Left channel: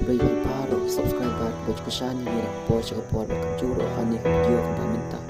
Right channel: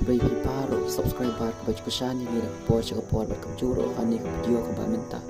Baby paro, subscribe bar ko ko channel ni ko po sa ko po juro kani video ko bamenta.